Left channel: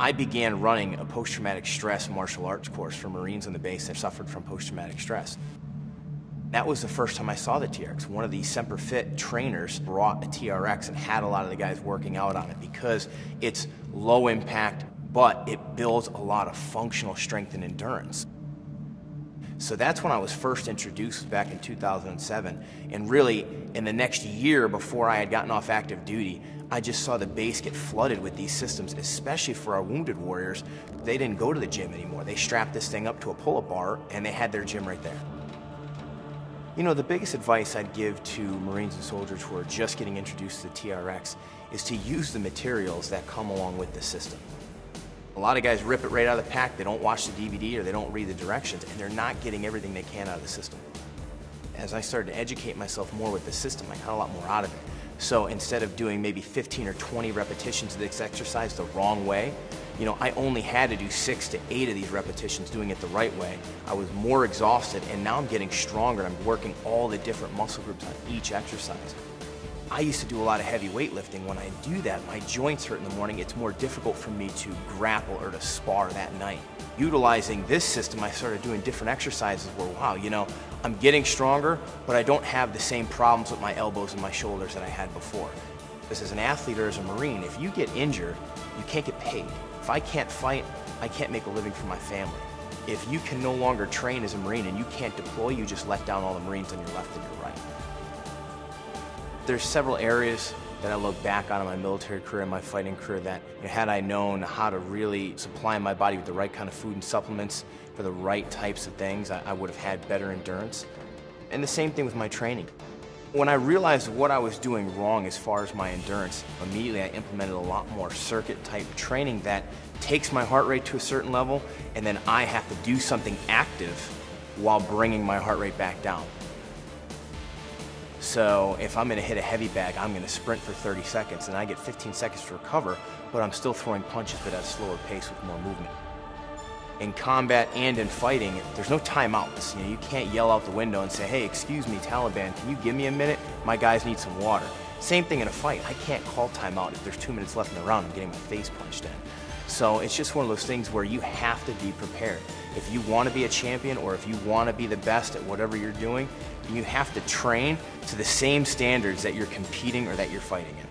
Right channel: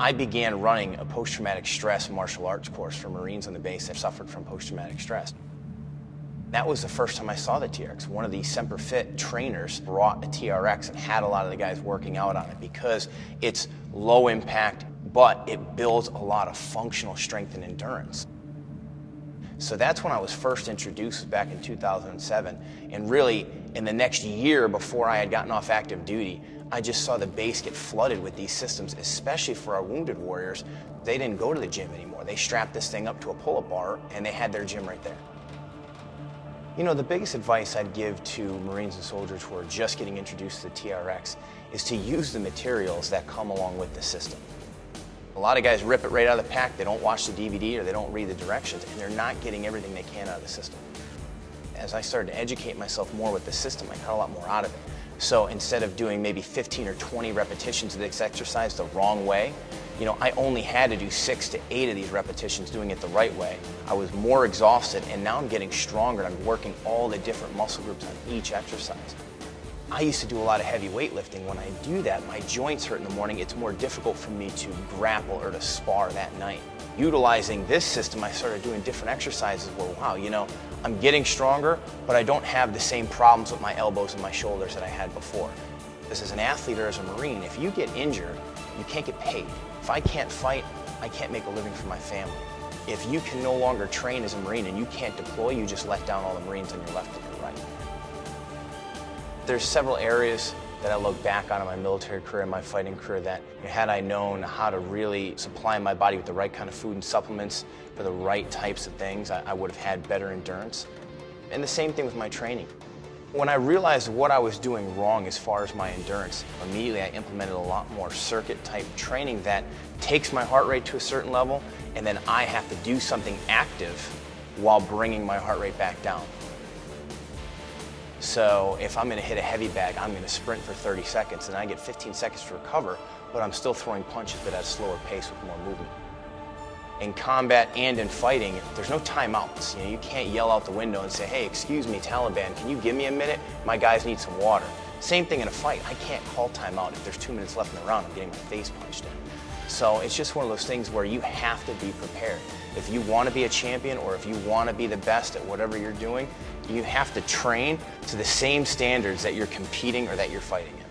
I began running a post-traumatic stress martial arts course for Marines on the base that suffered from post-traumatic stress. That was the first time I saw the TRX. One of the Semper Fit trainers brought a TRX and had a lot of the guys working out on it because it's low impact, but it builds a lot of functional strength and endurance. So that's when I was first introduced back in 2007. And really, in the next year before I had gotten off active duty, I just saw the base get flooded with these systems, especially for our wounded warriors. They didn't go to the gym anymore. They strapped this thing up to a pull-up bar and they had their gym right there. You know, the biggest advice I'd give to Marines and soldiers who are just getting introduced to the TRX is to use the materials that come along with the system. A lot of guys rip it right out of the pack, they don't watch the DVD or they don't read the directions, and they're not getting everything they can out of the system. As I started to educate myself more with the system, I got a lot more out of it. So instead of doing maybe 15 or 20 repetitions of this exercise the wrong way, you know, I only had to do 6 to 8 of these repetitions doing it the right way. I was more exhausted, and now I'm getting stronger. I'm working all the different muscle groups on each exercise. I used to do a lot of heavy weightlifting. When I do that, my joints hurt in the morning. It's more difficult for me to grapple or to spar that night. Utilizing this system, I started doing different exercises where, wow, you know, I'm getting stronger, but I don't have the same problems with my elbows and my shoulders that I had before. This as an athlete or as a Marine, if you get injured, you can't get paid. If I can't fight, I can't make a living for my family. If you can no longer train as a Marine and you can't deploy, you just let down all the Marines on your left and your right. There's several areas that I look back on in my military career and my fighting career that, had I known how to really supply my body with the right kind of food and supplements for the right types of things, I would have had better endurance. And the same thing with my training. When I realized what I was doing wrong as far as my endurance, immediately I implemented a lot more circuit type training that takes my heart rate to a certain level, and then I have to do something active while bringing my heart rate back down. So if I'm going to hit a heavy bag, I'm going to sprint for 30 seconds and I get 15 seconds to recover, but I'm still throwing punches but at a slower pace with more movement. In combat and in fighting, there's no timeouts. You know, you can't yell out the window and say, hey, excuse me, Taliban, can you give me a minute? My guys need some water. Same thing in a fight. I can't call timeout if there's 2 minutes left in the round and getting my face punched in. So it's just one of those things where you have to be prepared. If you want to be a champion or if you want to be the best at whatever you're doing, you have to train to the same standards that you're competing or that you're fighting in.